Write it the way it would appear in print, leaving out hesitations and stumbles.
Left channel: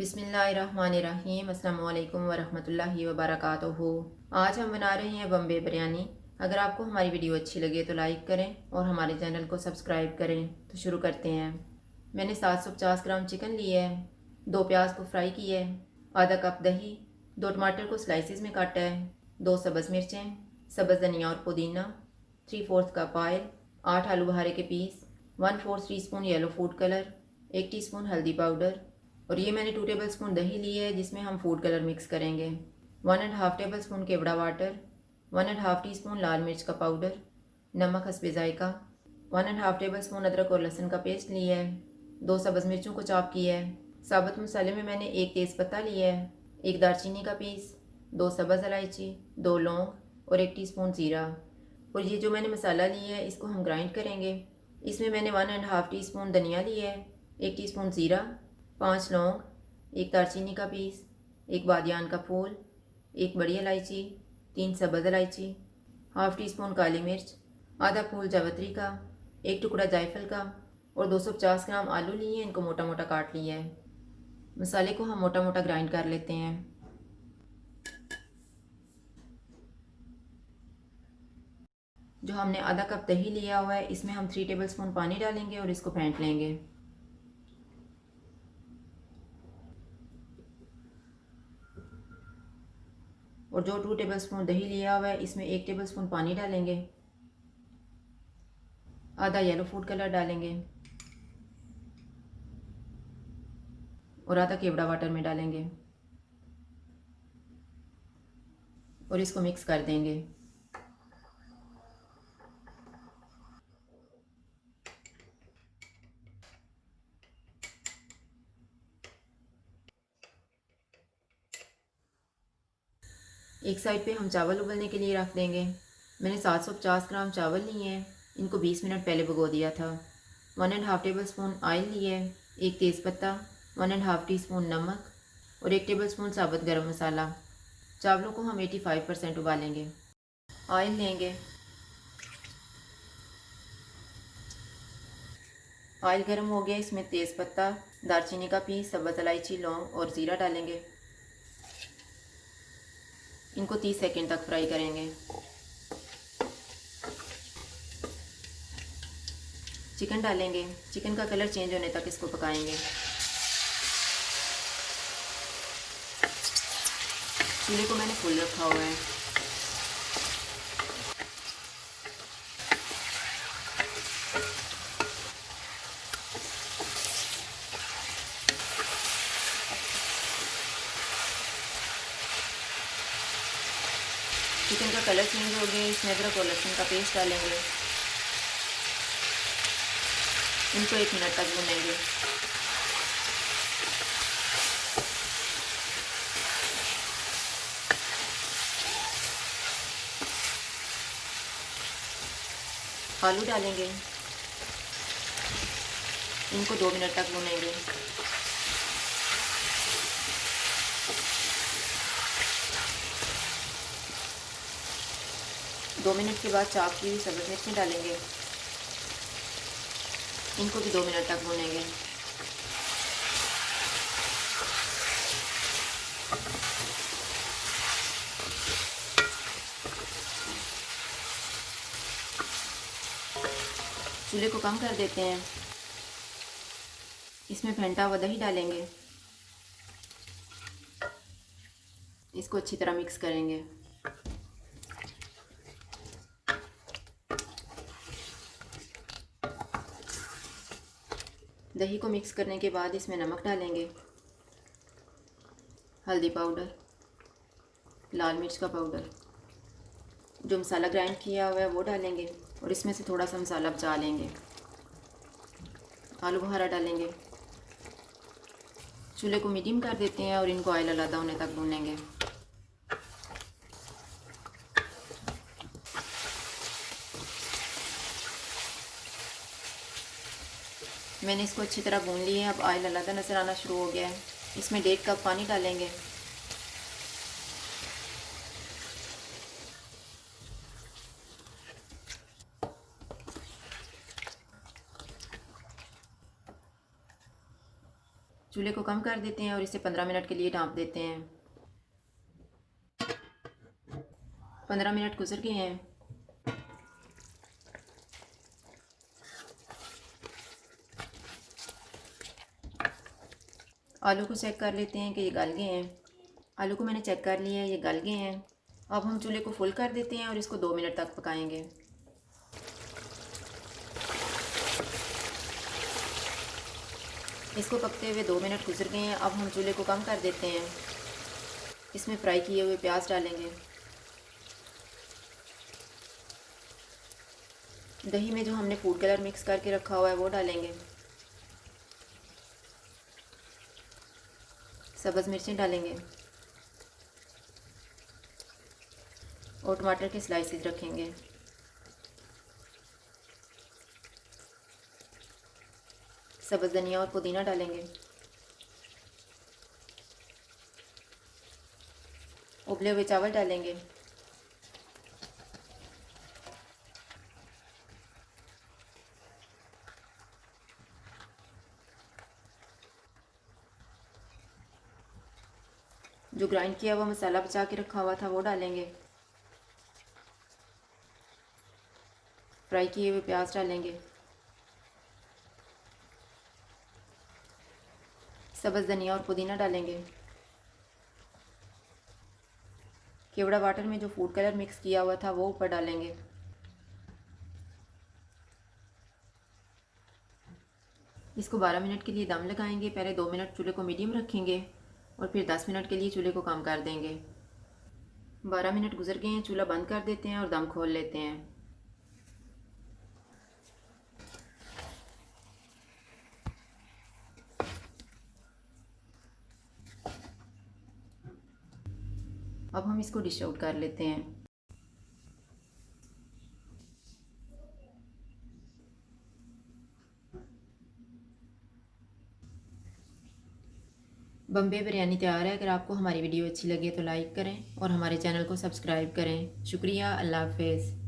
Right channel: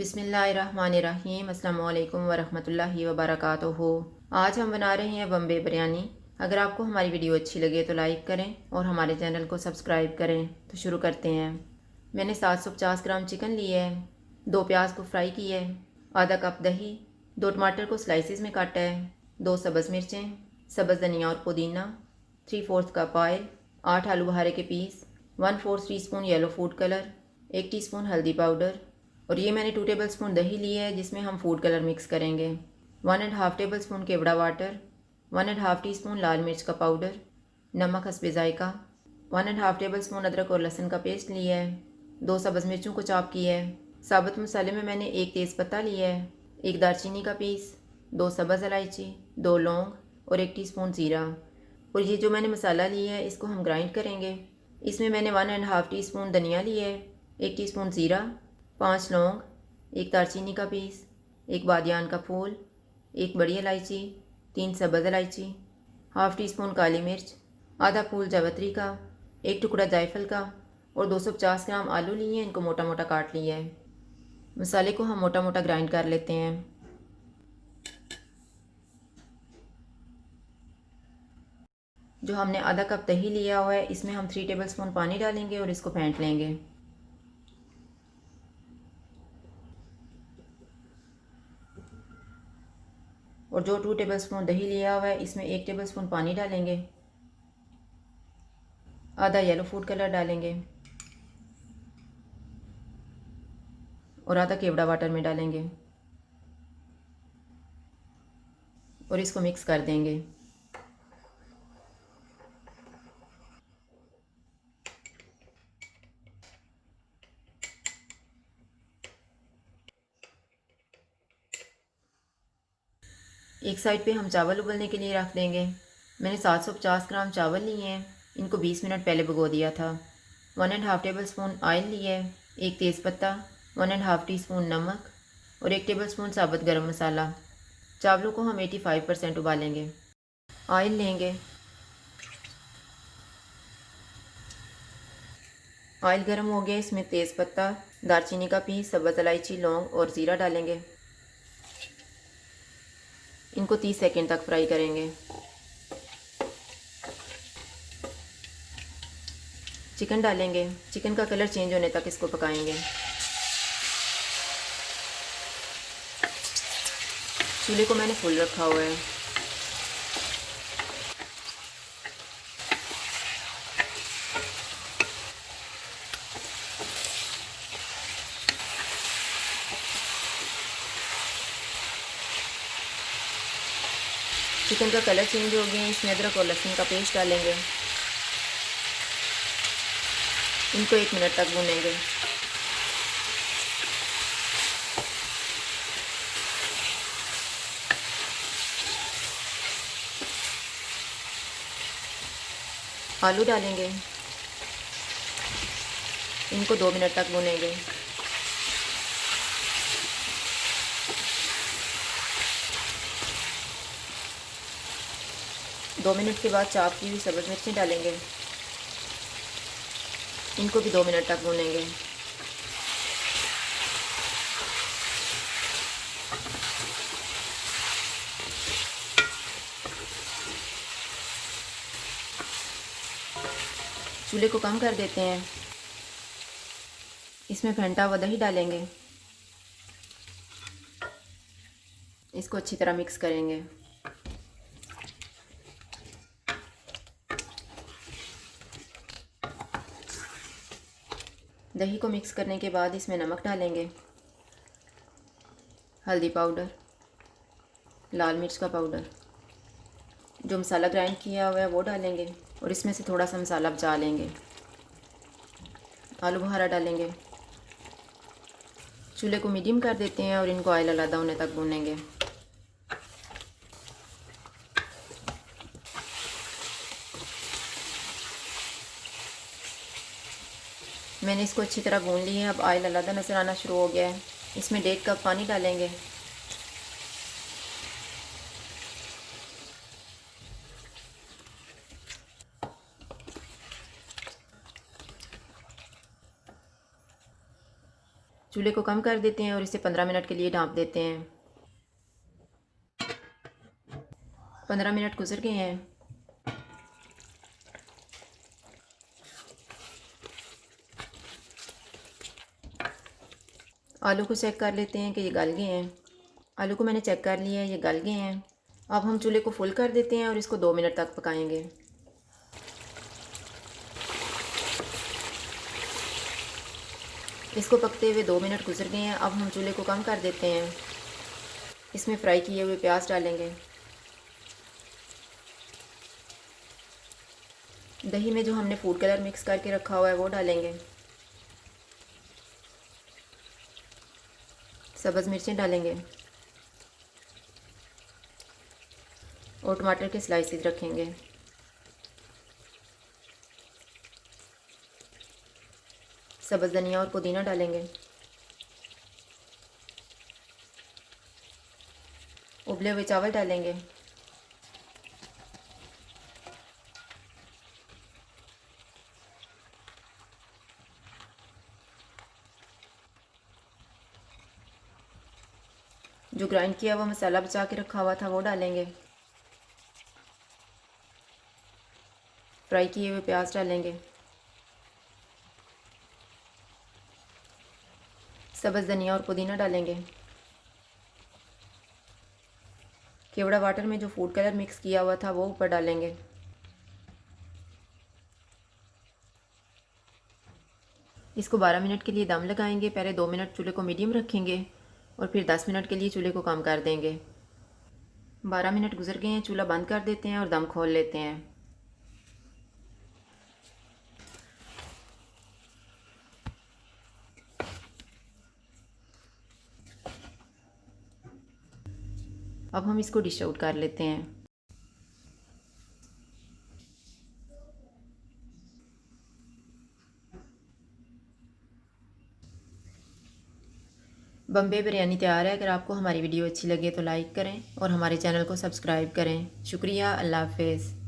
बिस्मिल्लाहिर्रहमानिर्रहीम अस्सलामुअलैकुम वरहमतुल्लाहि वबरकातुहू। आज हम बना रहे हैं बम्बे बिरयानी। अगर आपको हमारी वीडियो अच्छी लगे तो लाइक करें और हमारे चैनल को सब्सक्राइब करें। तो शुरू करते हैं। मैंने 750 ग्राम चिकन लिया है, 2 प्याज को फ्राई किया है, आधा कप दही, 2 टमाटर को स्लाइसिस में काटा है, 2 सब्ज़ मिर्चें, सब्ज़ धनिया और पुदीना, 3/4 कप ऑयल, 8 आलू बुखारे के पीस, 1/4 teaspoon yellow food colour, 1 teaspoon हल्दी पाउडर। और ये मैंने 2 टेबल स्पून दही लिया है जिसमें हम फूड कलर मिक्स करेंगे। 1.5 टेबल स्पून केवड़ा वाटर, 1.5 टीस्पून लाल मिर्च का पाउडर, नमक हस्बे जायका, 1.5 टेबल स्पून अदरक और लहसुन का पेस्ट लिया है, 2 सब्ज़ मिर्चों को चॉप किया है। साबुत मसाले में मैंने 1 तेज़पत्ता लिया है, 1 दालचीनी का पीस, 2 सब्ज़ इलायची, 2 लौंग और 1 टीस्पून ज़ीरा। और ये जो मैंने मसाला लिया है इसको हम ग्राइंड करेंगे। इसमें मैंने 1.5 टीस्पून धनिया लिया है, 1 टीस्पून ज़ीरा, 5 लौंग, 1 दालचीनी का पीस, 1 बादियान का फूल, 1 बड़ी इलायची, 3 सब्ज़ इलायची, हाफ़ टी स्पून काली मिर्च, आधा फूल जावित्री का, 1 टुकड़ा जायफल का और 250 ग्राम आलू लिए हैं, इनको मोटा मोटा काट लिया है। मसाले को हम मोटा मोटा ग्राइंड कर लेते हैं। जो हमने आधा कप दही लिया हुआ है इसमें हम 3 टेबल स्पून पानी डालेंगे और इसको फेंट लेंगे। और जो 2 टेबल स्पून दही लिया हुआ है इसमें 1 टेबल स्पून पानी डालेंगे, आधा येलो फूड कलर डालेंगे और आधा केवड़ा वाटर में डालेंगे और इसको मिक्स कर देंगे। एक साइड पे हम चावल उबलने के लिए रख देंगे। मैंने 750 ग्राम चावल लिए हैं, इनको 20 मिनट पहले भिगो दिया था। 1.5 टेबल स्पून ऑयल लिए, 1 तेज़पत्ता, 1.5 टीस्पून नमक और 1 टेबल स्पून साबुत गरम मसाला। चावलों को हम 85% उबालेंगे। ऑयल लेंगे, ऑयल गर्म हो गया, इसमें तेज़पत्ता, दालचीनी का पीस, सब्ज़ इलायची, लौंग और ज़ीरा डालेंगे। इनको 30 सेकंड तक फ्राई करेंगे। चिकन डालेंगे, चिकन का कलर चेंज होने तक इसको पकाएंगे। चूल्हे को मैंने फुल रखा हुआ है। चिकन का कलर चेंज हो गया, इसमें अदरक और लहसुन का पेस्ट डालेंगे। इनको 1 मिनट तक भूनेंगे। आलू डालेंगे, इनको 2 मिनट तक भूनेंगे। दो मिनट के बाद चॉप की हुई सब्ज़ मिर्ची डालेंगे, इनको भी 2 मिनट तक भूनेंगे। चूल्हे को कम कर देते हैं। इसमें फेंटा हुआ दही डालेंगे, इसको अच्छी तरह मिक्स करेंगे। दही को मिक्स करने के बाद इसमें नमक डालेंगे, हल्दी पाउडर, लाल मिर्च का पाउडर, जो मसाला ग्राइंड किया हुआ है वो डालेंगे और इसमें से थोड़ा सा मसाला बचा लेंगे। आलू बुखारा डालेंगे। चूल्हे को मीडियम कर देते हैं और इनको ऑयल अलग होने तक भूनेंगे। मैंने इसको अच्छी तरह भून लिया है। अब ऑयल अलग नज़र आना शुरू हो गया है। इसमें 1.5 कप पानी डालेंगे। चूल्हे को कम कर देते हैं और इसे 15 मिनट के लिए ढाँप देते हैं। 15 मिनट गुजर गए हैं। आलू को चेक कर लेते हैं कि ये गल गए हैं। आलू को मैंने चेक कर लिया है, ये गल गए हैं। अब हम चूल्हे को फुल कर देते हैं और इसको 2 मिनट तक पकाएंगे। इसको पकते हुए 2 मिनट गुजर गए हैं। अब हम चूल्हे को कम कर देते हैं। इसमें फ्राई किए हुए प्याज डालेंगे। दही में जो हमने फूड कलर मिक्स करके रखा हुआ है वो डालेंगे। सब्ज़ मिर्चें डालेंगे और टमाटर के स्लाइसेस रखेंगे। सब्ज़ धनिया और पुदीना डालेंगे। उबले हुए चावल डालेंगे। जो ग्राइंड किया हुआ मसाला बचा के रखा हुआ था वो डालेंगे। फ्राई किए हुए प्याज डालेंगे। सब्ज़ धनिया और पुदीना डालेंगे। केवड़ा वाटर में जो फूड कलर मिक्स किया हुआ था वो ऊपर डालेंगे। इसको 12 मिनट के लिए दम लगाएंगे। पहले 2 मिनट चूल्हे को मीडियम रखेंगे और फिर 10 मिनट के लिए चूल्हे को कम कर देंगे। 12 मिनट गुजर गए हैं। चूल्हा बंद कर देते हैं और दम खोल लेते हैं। अब हम इसको डिश आउट कर लेते हैं। बम्बे बिरयानी तैयार है। अगर आपको हमारी वीडियो अच्छी लगे तो लाइक करें और हमारे चैनल को सब्सक्राइब करें। शुक्रिया। अल्लाह हाफ़िज़।